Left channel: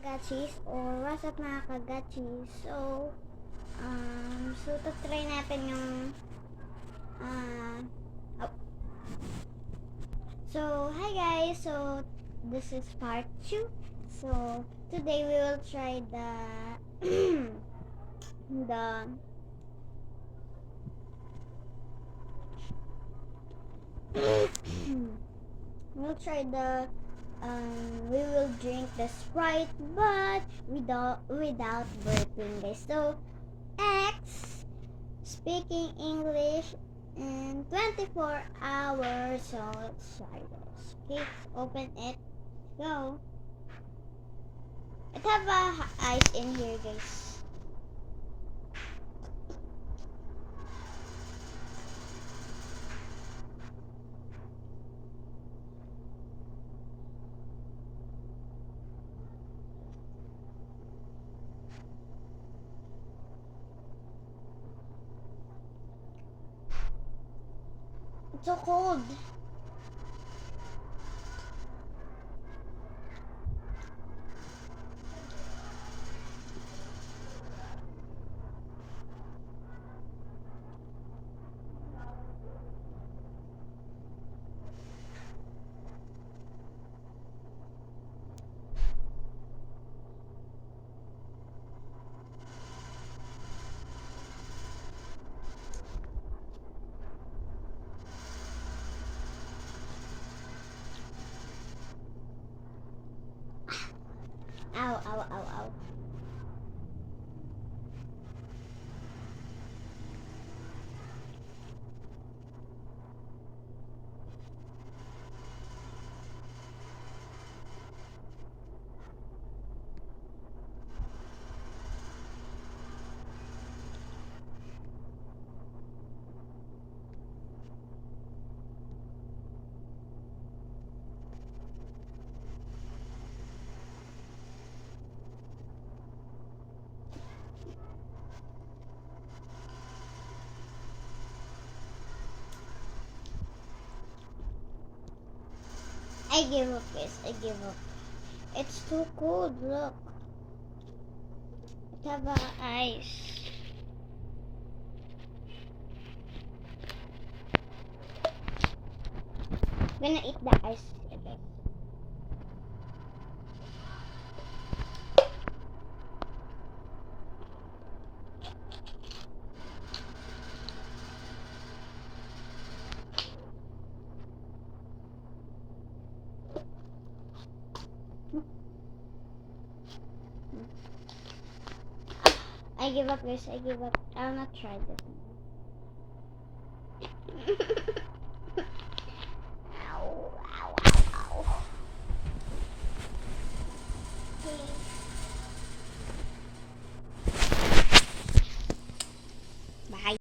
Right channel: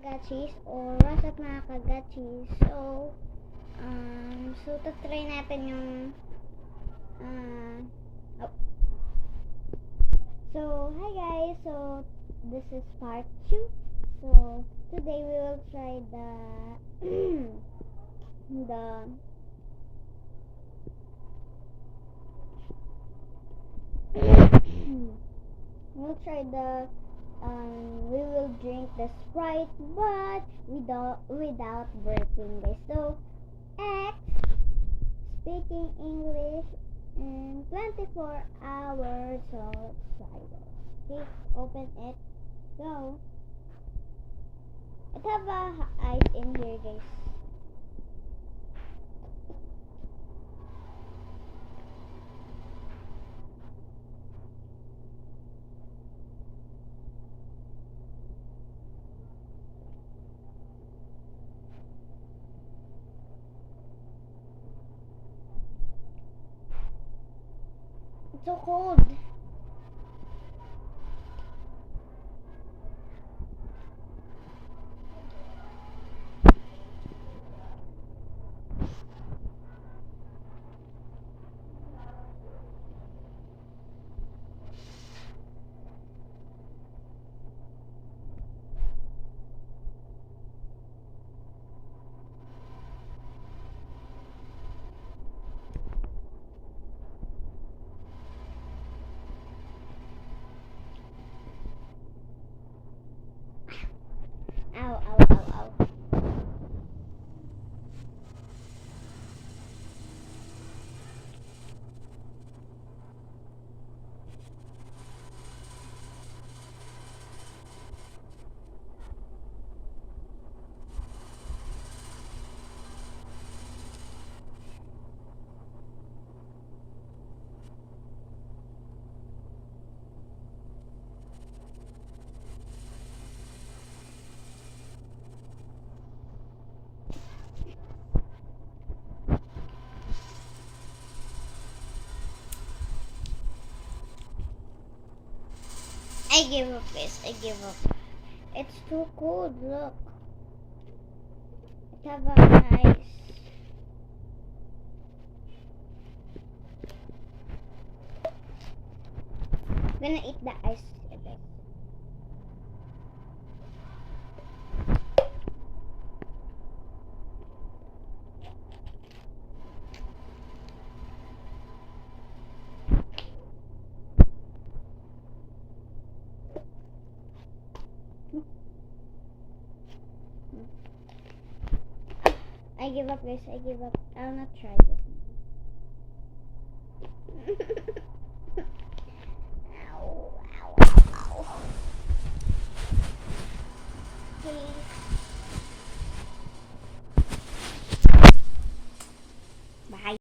Kagachis or what's up mga kagachis. So try natin yung oh. So hi guys, so this is part 2. So today we will try the the we'll try the we will drink the Sprite but without burping guys. So X speaking English in 24 hours. So let's try this. Okay, open it. Go. It have ice in here guys. It's so cold. Ow, ow, ow, ow. I give up guys, I give up. It's too cold, look. It have ice. I'm gonna eat the ice a bit. I give up guys, I give up. I'll not try this.